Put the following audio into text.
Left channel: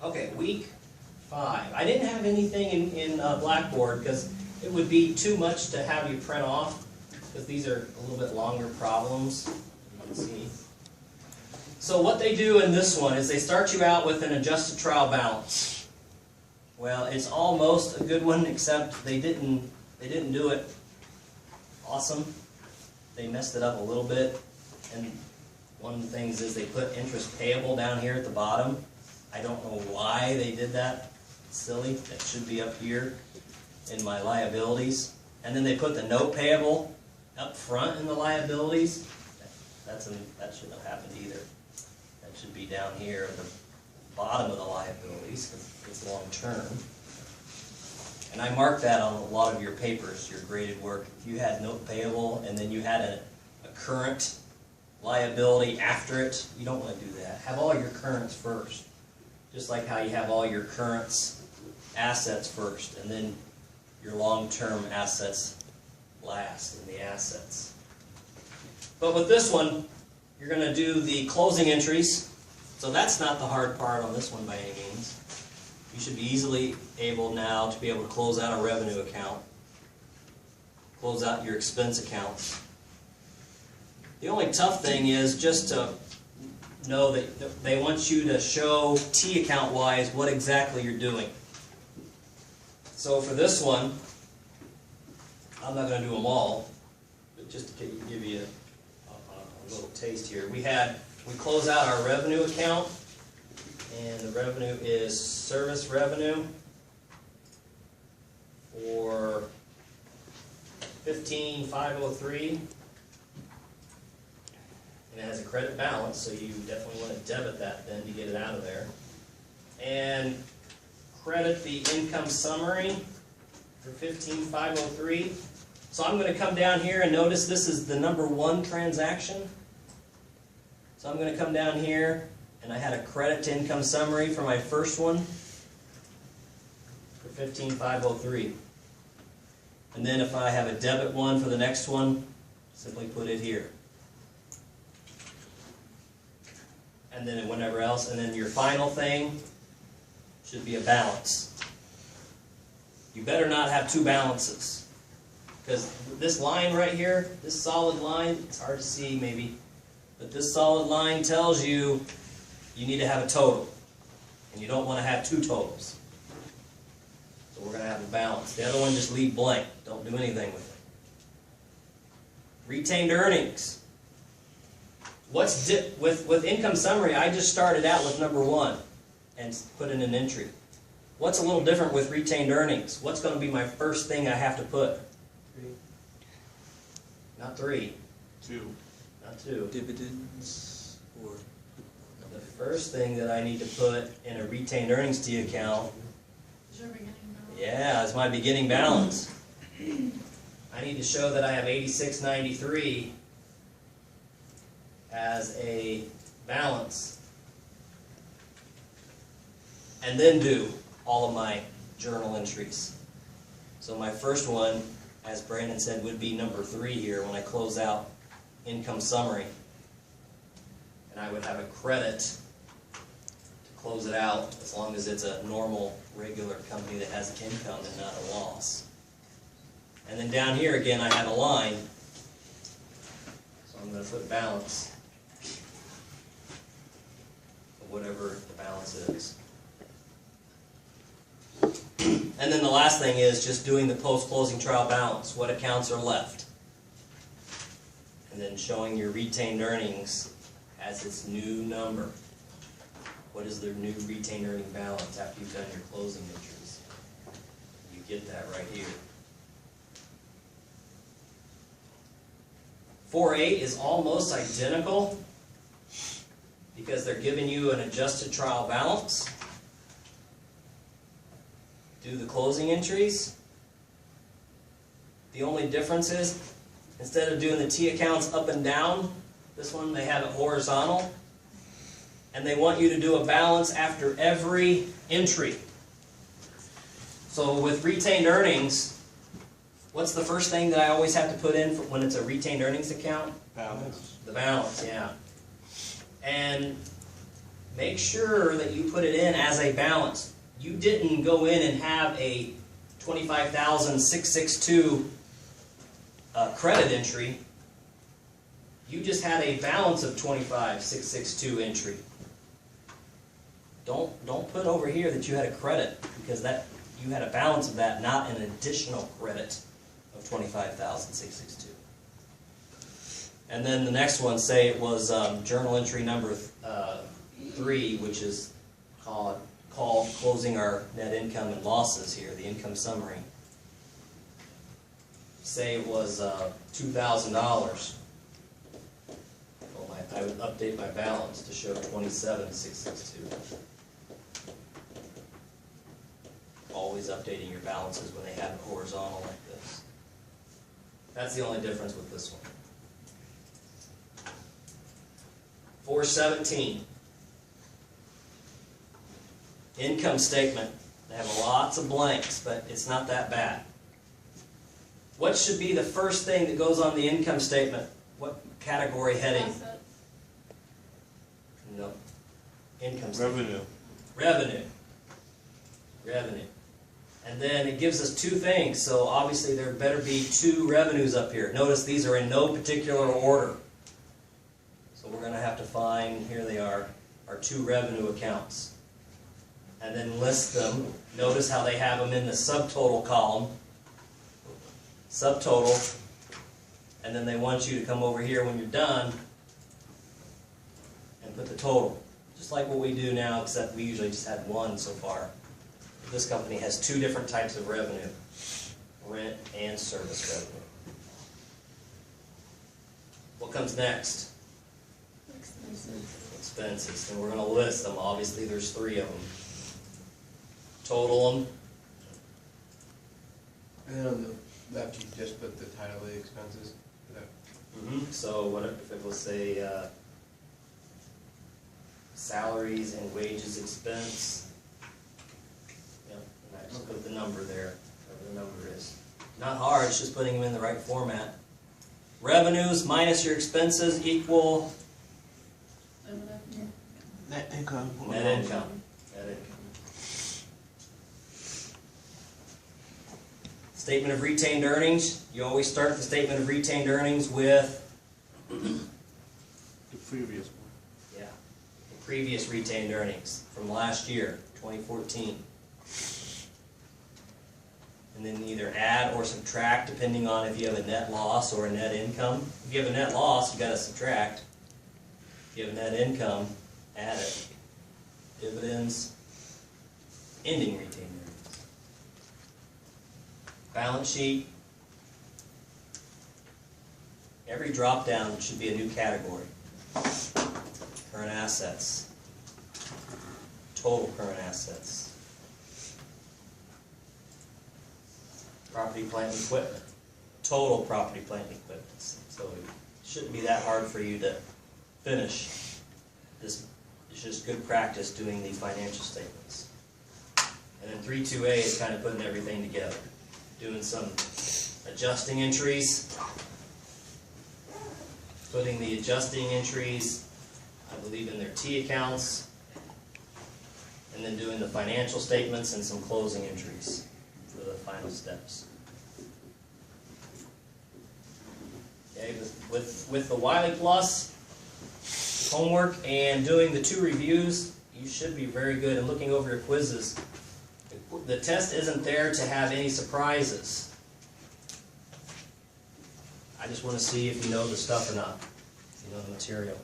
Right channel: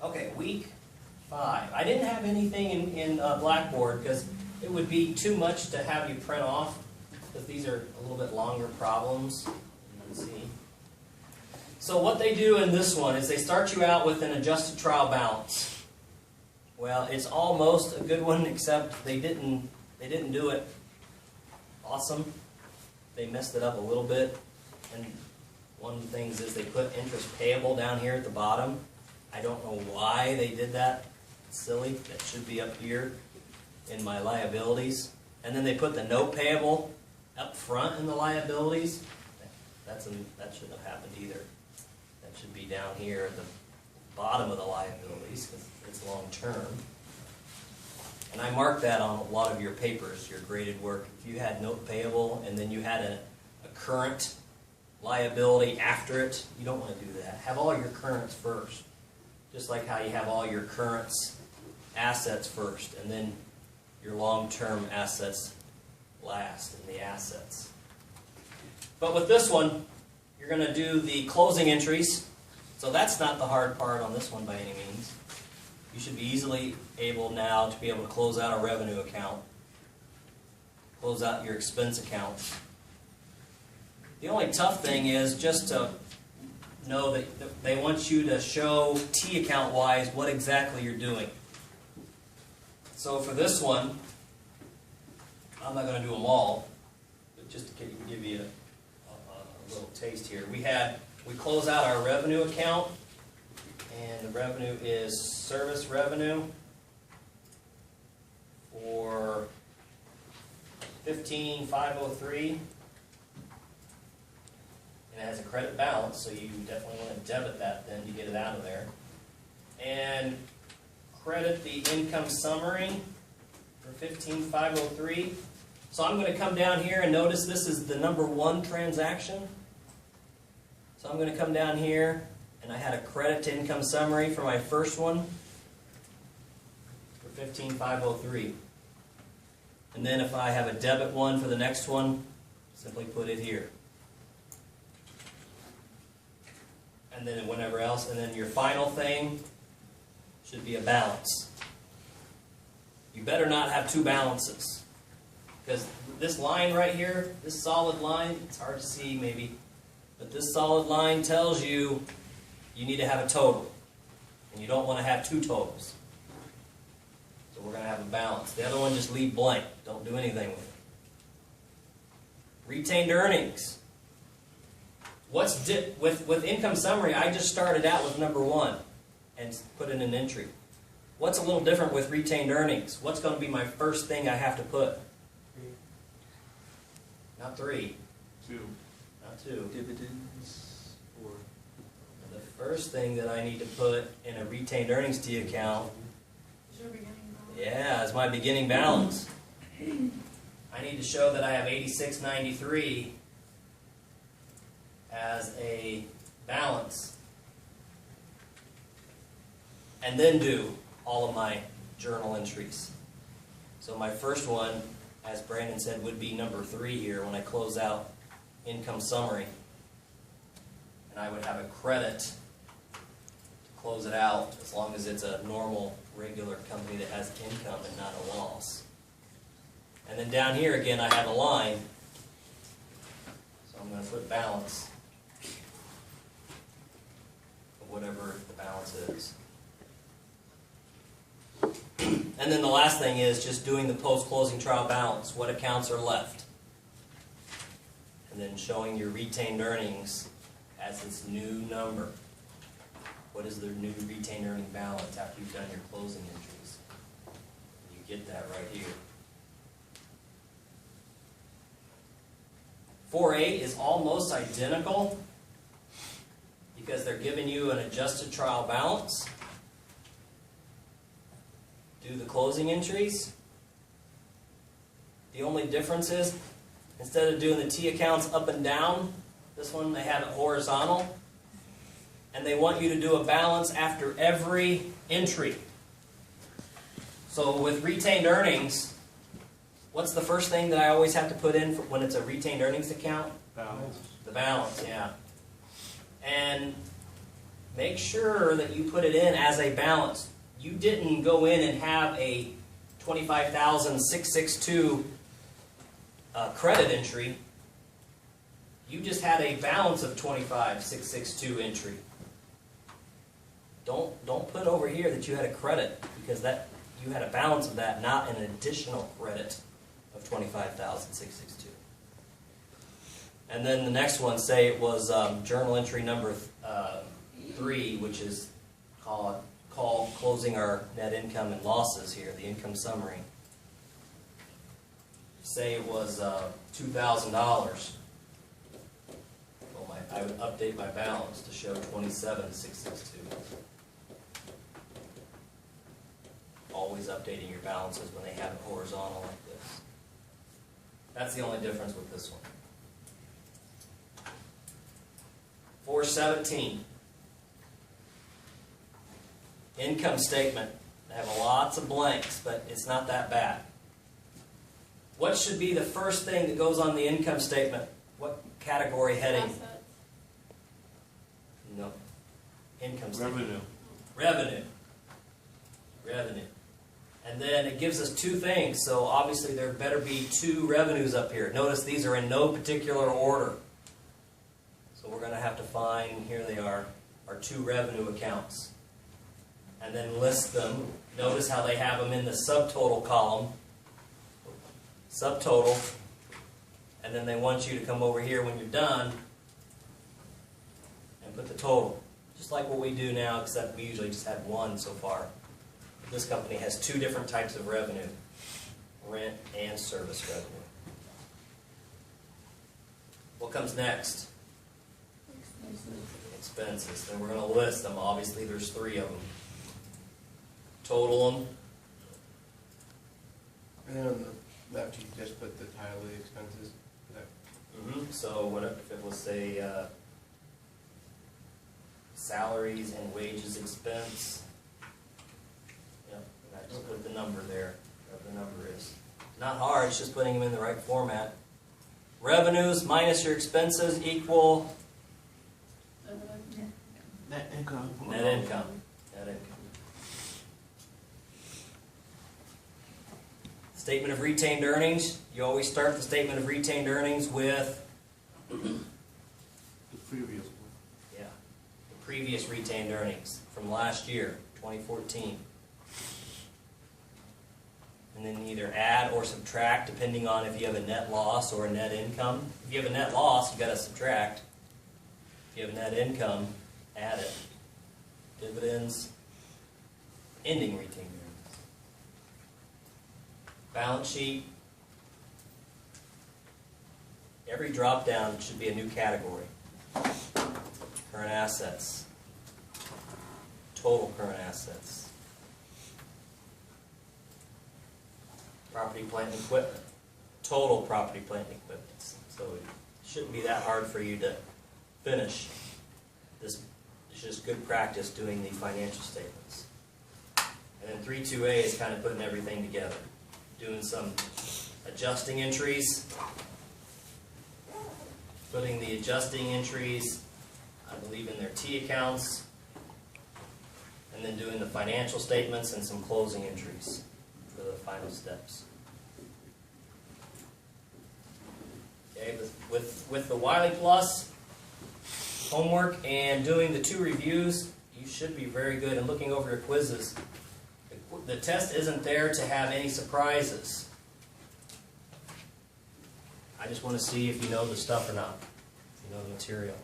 Okay, week 5. I didn't have anything in Blackboard because it would be too much to have you print off because these are a little bit longer problems. You can see. So what they do in this one is they start you out with an adjusted trial balance. Well, it's almost a good one, except they didn't do it awesome. They messed it up a little bit, and one of the things is they put interest payable down here at the bottom. I don't know why they did that. It's silly. That should be up here in my liabilities. And then they put the note payable up front in the liabilities. That shouldn't have happened either. That should be down here at the bottom of the liabilities because it's long term. And I marked that on a lot of your papers, your graded work. If you had note payable and then you had a current liability after it, you don't want to do that. Have all your currents first. Just like how you have all your currents assets first, and then your long-term assets last in the assets. But with this one, you're going to do the closing entries. So that's not the hard part on this one by any means. You should be easily able now to be able to close out a revenue account, close out your expense accounts. The only tough thing is just to know that they want you to show T account wise what exactly you're doing. So for this one, I'm not going to do them all, but just to give you a little taste here. We close out our revenue account, and the revenue is service revenue for $15,503. And it has a credit balance, so you definitely want to debit that then to get it out of there. And credit the income summary for $15,503. So I'm going to come down here and notice this is the number 1 transaction. So I'm going to come down here, and I had a credit to income summary for my first one for $15,503. And then if I have a debit one for the next one, simply put it here. And then whenever else, and then your final thing should be a balance. You better not have 2 balances. Because this line right here, this solid line, it's hard to see maybe, but this solid line tells you you need to have a total. And you don't want to have 2 totals. So we're going to have a balance. The other one, just leave blank. Don't do anything with it. Retained earnings. With income summary, I just started out with number 1 and put in an entry. What's a little different with retained earnings? What's going to be my first thing I have to put? 3. Not 3. 2. Not 2. Dividends or The first thing that I need to put in a retained earnings T account, Is your beginning balance? yeah, is my beginning balance. I need to show that I have $86.93 as a balance, and then do all of my journal entries. So my first one, as Brandon said, would be number 3 here when I close out income summary, and I would have a credit to close it out as long as it's a normal, regular company that has income and not a loss. And then down here again I have a line, so I'm going to put balance. Whatever the balance is. And then the last thing is just doing the post-closing trial balance. What accounts are left? And then showing your retained earnings as its new number. What is the new retained earning balance after you've done your closing entries? You get that right here. 4A is almost identical, because they're giving you an adjusted trial balance. Do the closing entries. The only difference is, instead of doing the T accounts up and down, this one they have it horizontal. And they want you to do a balance after every entry. So with retained earnings, what's the first thing that I always have to put in when it's a retained earnings account? Balance. The balance, yeah. And make sure that you put it in as a balance. You didn't go in and have a 25,662 credit entry. You just had a balance of 25,662 entry. Don't put over here that you had a credit, because that you had a balance of that, not an additional credit of 25,662. And then the next one, say it was journal entry number 3, which is called closing our net income and losses here, the income summary. Say it was $2,000. Well, I would update my balance to show 27,662. Always updating your balances when they have it horizontal like this. That's the only difference with this one. 417. Income statement. They have lots of blanks, but it's not that bad. What should be the first thing that goes on the income statement? What category heading? Assets. No. Income statement. Revenue. Revenue. And then it gives us two things, so obviously there better be two revenues up here. Notice these are in no particular order. So we're going to have to find, here they are, our two revenue accounts. And then list them. Notice how they have them in the subtotal column. Subtotal. And then they want you to come over here when you're done and put the total. Just like what we do now, except we usually just have one so far. This company has two different types of revenue, rent and service revenue. What comes next? Expenses. Expenses. And we're going to list them. Obviously, there's 3 of them. Total them. And then on the left, you just put the title of the expenses. So what if it will say salaries and wages expense? Yep, and I just put the number there, whatever the number is. Not hard, it's just putting them in the right format. Revenues minus your expenses equal Net income. net income. Net income. Statement of retained earnings. You always start the statement of retained earnings with The previous one. the previous retained earnings from last year, 2014. And then either add or subtract depending on if you have a net loss or a net income. If you have a net loss, you got to subtract. If you have a net income, add it. Dividends, ending retained earnings. Balance sheet. Every drop down should be a new category. Current assets. Total current assets. Property, plant, and equipment. Total property, plant, and equipment. So it shouldn't be that hard for you to finish. This is just good practice doing the financial statements. And then 3.2a is kind of putting everything together. Doing some adjusting entries. Putting the adjusting entries, I believe, in their T accounts. And then doing the financial statements and some closing entries for the final steps. Okay, with the Wiley Plus homework and doing the 2 reviews, you should be very good. And looking over your quizzes, the test isn't there to have any surprises. I just want to see if you know the stuff or not, if you know the material.